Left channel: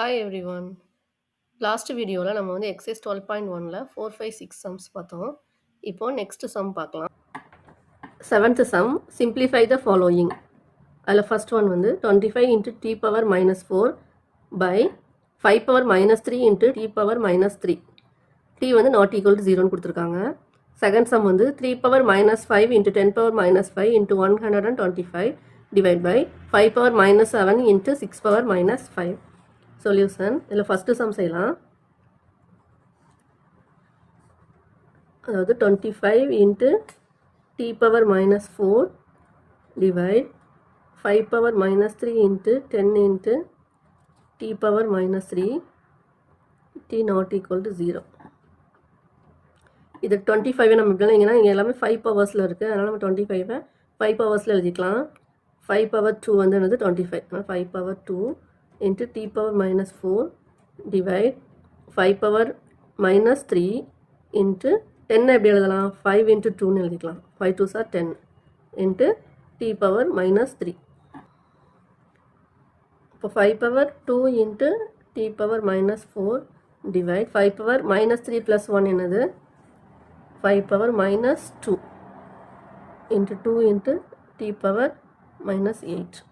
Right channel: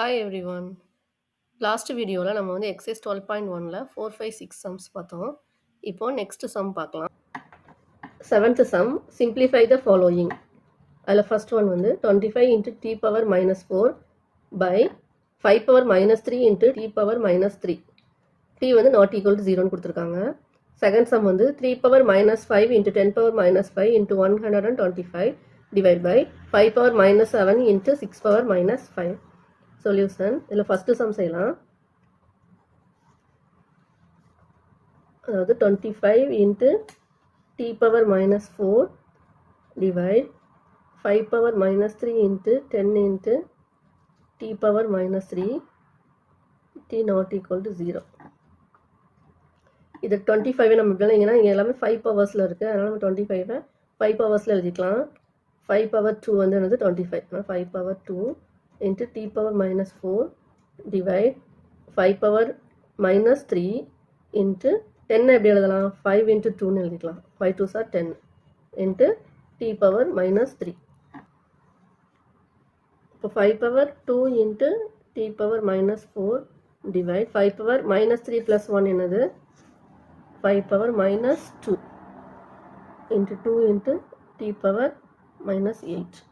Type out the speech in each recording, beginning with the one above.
Hi everyone. Last வீடியோவில் நம்ம வந்து எக்ஸைஸ் 12.1ல் 4, 5, 6 சம்ஸ் பார்த்தோம். இப்போ நெக்ஸ்ட் சம் பார்க்கலாம். Seventh sum, simplify the following. அதில் ஃபர்ஸ்ட் ஒன் வந்து 25 into t power minus 4 by 5 power minus 3 into t power minus 3. T வந்து நாட் ஈக்குவல் டு 0ன்னு கொடுத்துருக்காங்க. செகண்ட் சம் வந்து 3 power minus 5 into 10 power minus 5 into 125 divide by 5 power minus 7 into 6 power minus 5. Solution. இதில் first sum செய்யலாம். அதாவது 25 into t power minus 4 divide 5 power minus 3 into 10 into t power minus 3 t not equal to 0. இது 25 நம்ம இல்லைங்கன்னா இங்கே எல்லாமே 5 பவர்ஸில் இருக்குது. அதனால் நம்ம 25 5 பவர்ஸில் எழுதிக்கலாம். 5 பவர் 2 வந்து என்னது 25. 5 power 2 into t power minus 4 divide 5 power minus 3 into 10 எப்படி எழுதலாம் 5 into 2 எழுதிக்கலாம் 5 2s are 10 into t power minus 3. இப்போ 5 power 2 into t power minus 4 divide 5 power minus 3 plus 1 என்னது 5 power minus 2 into 2 into t power minus 8.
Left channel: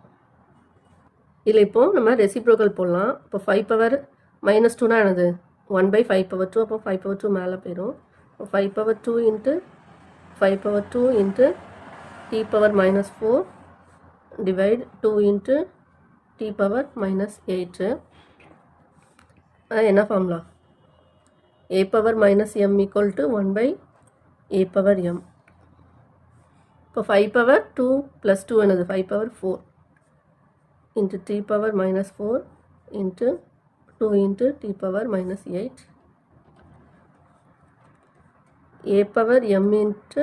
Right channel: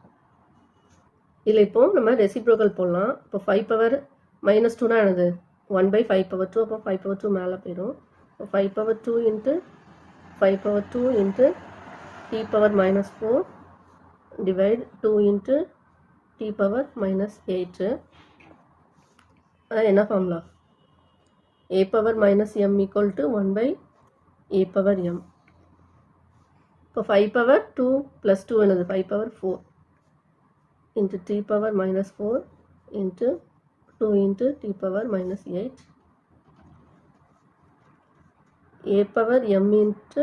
இதில் இப்போ நம்ம reciprocal போடலாம். இப்போ 5 பவர் மைனஸ் 2னா என்னது 1 பை 5 பவர் 2. அப்போ 5 பவர் 2 மேலே போயிடும். இப்போ 5 power 2 into 5 power 2 into t power minus 4 divide 2 into t power minus 8. என்ன formula a power minus m equal to 1 by a power m. இப்போ 5 பவர் 2 ப்ளஸ் 2 என்னது 5 power 4 into t power minus 4 into 2 into t power minus 8 a power m into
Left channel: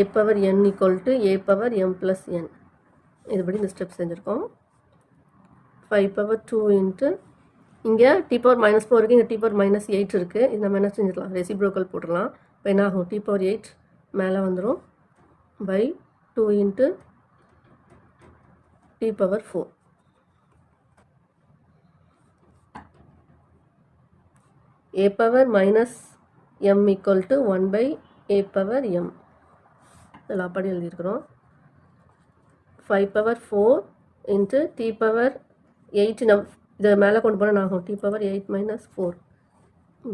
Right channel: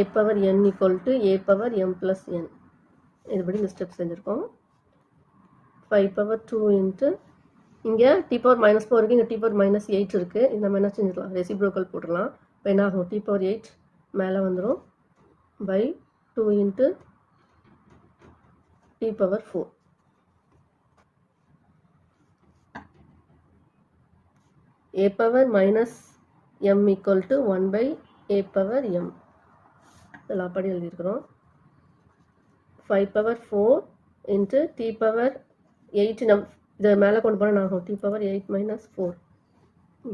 a power n equal to a power m plus n. இதுபடி இந்த step செஞ்சுருக்கோம். 5 power 2 into இங்கே t power minus 4 இருக்குது, இங்கே t power minus 8 இருக்குது. இந்த நம்ம என்ன செஞ்சிடலாம் ரெசிப்ரோக்கல் போட்டுடலாம். இப்போ என்ன ஆகும் t power 8 மேலே வந்துடும் by 2 into t power 4. a power minus m equal to 1 by a power m. இதெல்லாம் அப்படி எழுதியிருக்கிறோம். 5 power 4 into t power 8 நம் இதை மேலே கொண்டு போனால் ஆகும் t power 8 minus 4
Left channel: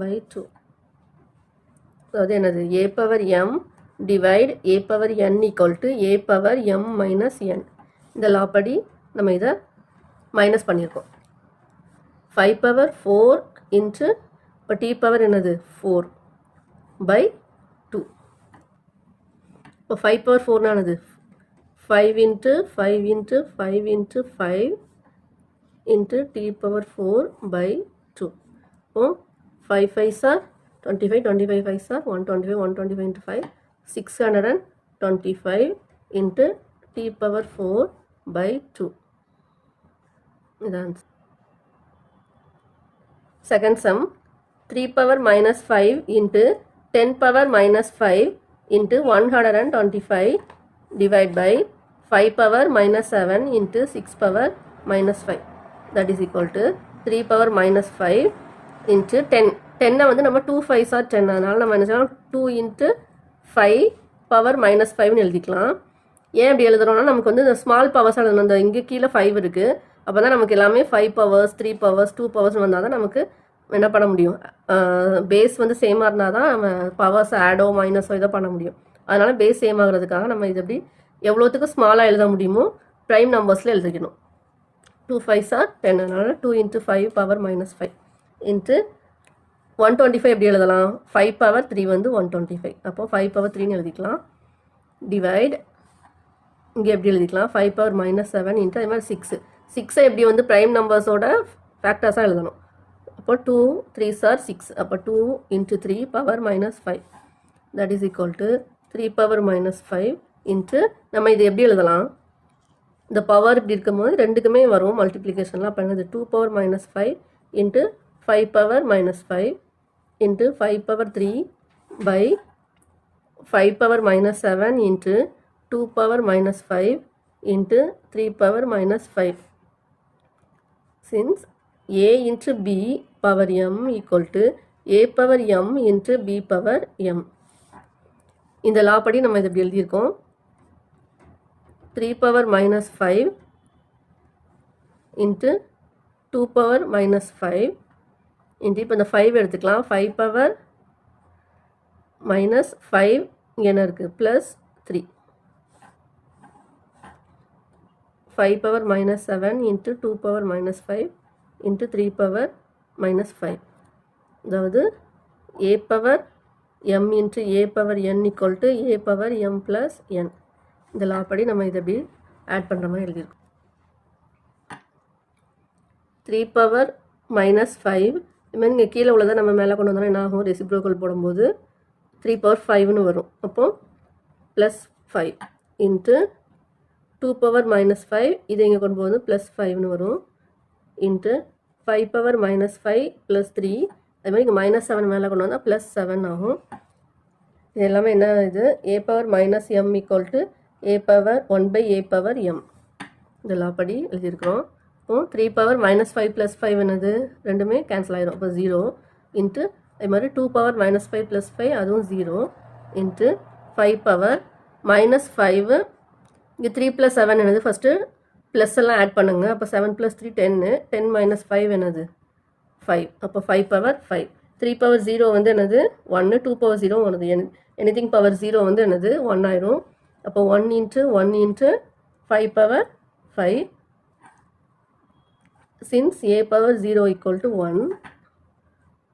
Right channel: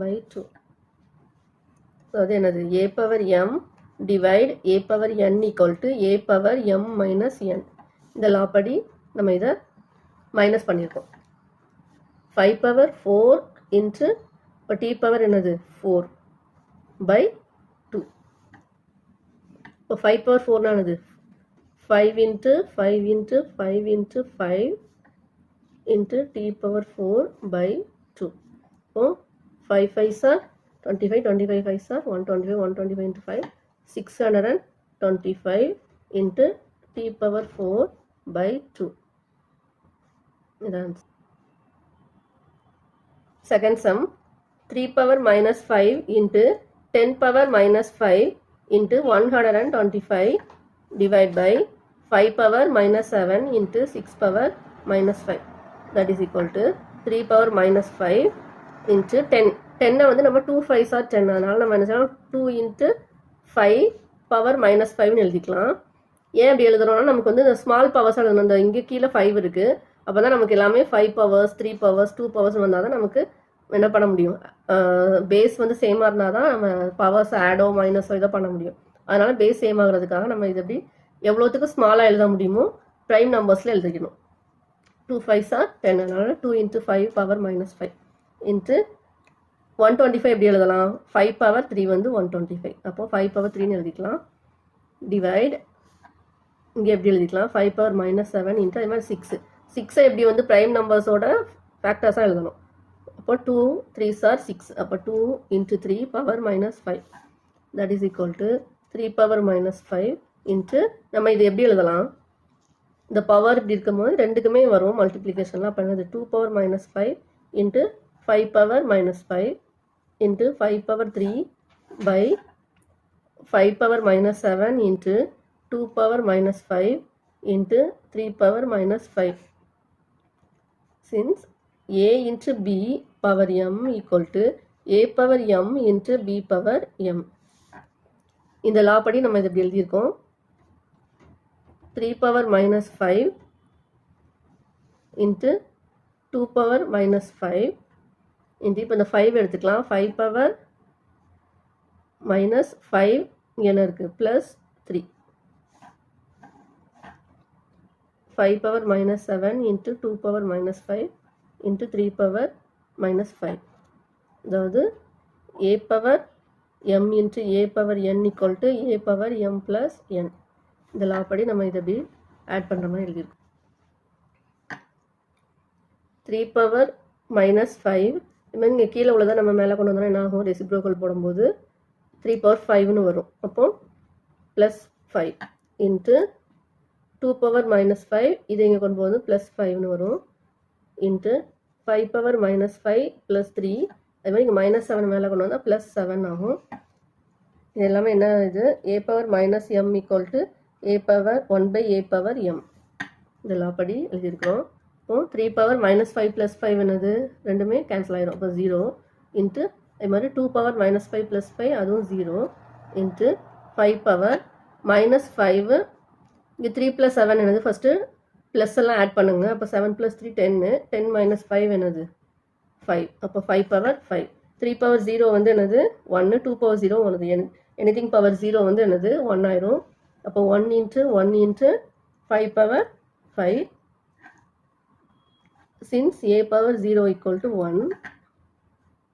by 2. அது என்னது a power m divide a power n equal to a power m minus n. இந்த லா படி நம்ம இதை மைனஸ் பண்ணியிருக்கோம். 5 பவர் 4 இன்ட்டு இப்போ டி பவர் என்னது 4 பை 2. இப்போ 5 பவர் 4 ஆனது 5 into 5 into 5 into 5 into t power 4 by 2. இப்போ 5 5 சார் 25 25 5 சார் 125 125 into 5 625 into t power 4 by 2. Second sum 3 power minus 5 into 10 power minus 5 into 125 divide by 5 power minus 7 into 6 power minus 5. That is equal to 3 power minus 5 into 10. 10 வந்து நம்ம 2 5s are 10. அதனால நம்ம என்ன செய்யலாம் 2 into 5 power minus 5 எழுதிக்கலாம். ஏன் அப்படி எழுதுறோம்னா நமக்கு வந்து இந்த ஸ்மால் பவர்ஸ் எழுதணும். அந்த இங்கே கீழே 5 இருக்குது. அப்போ தான் நமக்கு எல்லாமே 5 பவர்ஸ் 3 பவர்ஸ் 2 பவர்ஸ் வந்தால் தான் நமக்கு என்ன பண்ண முடியும். பேஸ் வந்து சேமாக இருந்தால் தான் நம்ம பவர்ஸ் ஆடோ மைனஸோ இதை பண்ண முடியும். அதனால் பேஸ் சேம் ஆகிறதுக்காக நம்ம இது எப்படி எவ்வளோத்துக்கு ஸ்மாலாக எழுத முடியுமோ ப்ரைம் நம்பர்ஸில் எழுதிக்கணும். 2 5s are 10. அதனால் 2 into 5 பவர் மைனஸ் 5 இன்ட்டு 125 எப்படி எழுதலாம் 5 பவர் 3 வந்து 125. அப்போ 5 பவர் 3ன்னு எழுதிக்கலாம். டிவைட் இங்கே எப்படி எழுதிக்கலாம் 5 பவர் மைனஸ் 7 இன்ட்டு அது மாதிரி 6 எப்படி வந்து ப்ரைம் நம்பர்ஸோட ஃபேக்டர்ஸாக எழுதணும். அப்போ 2 3s are 6. அப்போ 2 into 3 power minus 5 that is equal to 3 power minus 5 into நம்ம இது எப்படி எழுதலாம் இந்த பவர் இப்படி இருக்கும்போது ரெண்டுக்குமே வரும் மல்டிப்ளிகேஷன்லாம். அப்போ என்னது 2 power minus 5 into 5 power minus 5 into 5 power 3 by 5 power minus 7 into 2 power minus 5 into 3 power minus 5. since a into b power m equal to a power m into b power m. இந்த லா படி நம்ம இதை எப்படி எழுதியிருக்கோம், 3 power minus 5 into 2 power minus 5 into இப்போ இந்த 5 எடுத்துக்கலாம், 5 power minus 5 என்ன இருக்குது plus 3, 5 power minus 7 into 2 power minus 5 into 3 power minus 5. அதாவது a power m into a power n equal to a power m plus n. இந்த லா படி நம்ம இதை எப்படி ஆட் பண்ணுற மாதிரி எழுதியிருக்கோம். 3 power minus 5 இதுமாதிரி இங்கே கீழே உள்ளதை நம்ம மேலே கொண்டு வந்தோம்னா என்ன ஆகும், ரெசிப்ரோக்கல் போடும்போது 3 power 5ன்னு வரும். அப்போ ப்ளஸ் 5 இன்ட்டு 2 power minus 5 இதை இங்கே கொண்டு போகும்போது ப்ளஸ் 5ன்னு வரும் இன்ட்டு 5 power minus 5 ப்ளஸ் 3 அதுமாதிரி இங்கே மைனஸ் 7 மேலே கொண்டு வந்தால் ப்ளஸ் 7 ஆகும். இது எல்லாமே என்ன, இது a power minus m equal to a power 1 by a power m. இந்த லா படி எழுதியிருக்கிறோம். இப்போ 3 power minus 5 plus 5 என்னது, ரெண்டுமே கேன்சல் ஆகிடும். அப்போ 0 இன்ட்டு அது மாதிரி 2 power minus 5 plus 5 அதுவும் 0 இன்ட்டு 5 power minus 5 இங்கே 3 plus 7 என்னது, ஃபஸ்ட்டு ப்ளஸ் எல்லாம் ஆட் பண்ணுங்க. அப்போ 7 plus 3 10, 10 minus 5 என்னது 5. அப்போ 5 power 5. 3 power 0 வந்து என்னது 1, 2 power 0 ஒன்று, எனிதிங் பவர் 0 வந்து என்னது 1 ஆயிரும். அப்போ 1 into 1 into 5 power 5 since a power 0 equal to 1.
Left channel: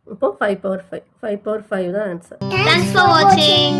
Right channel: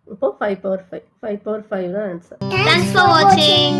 இப்போ 5 power 5 தான் ஆன்சர். Thanks for watching.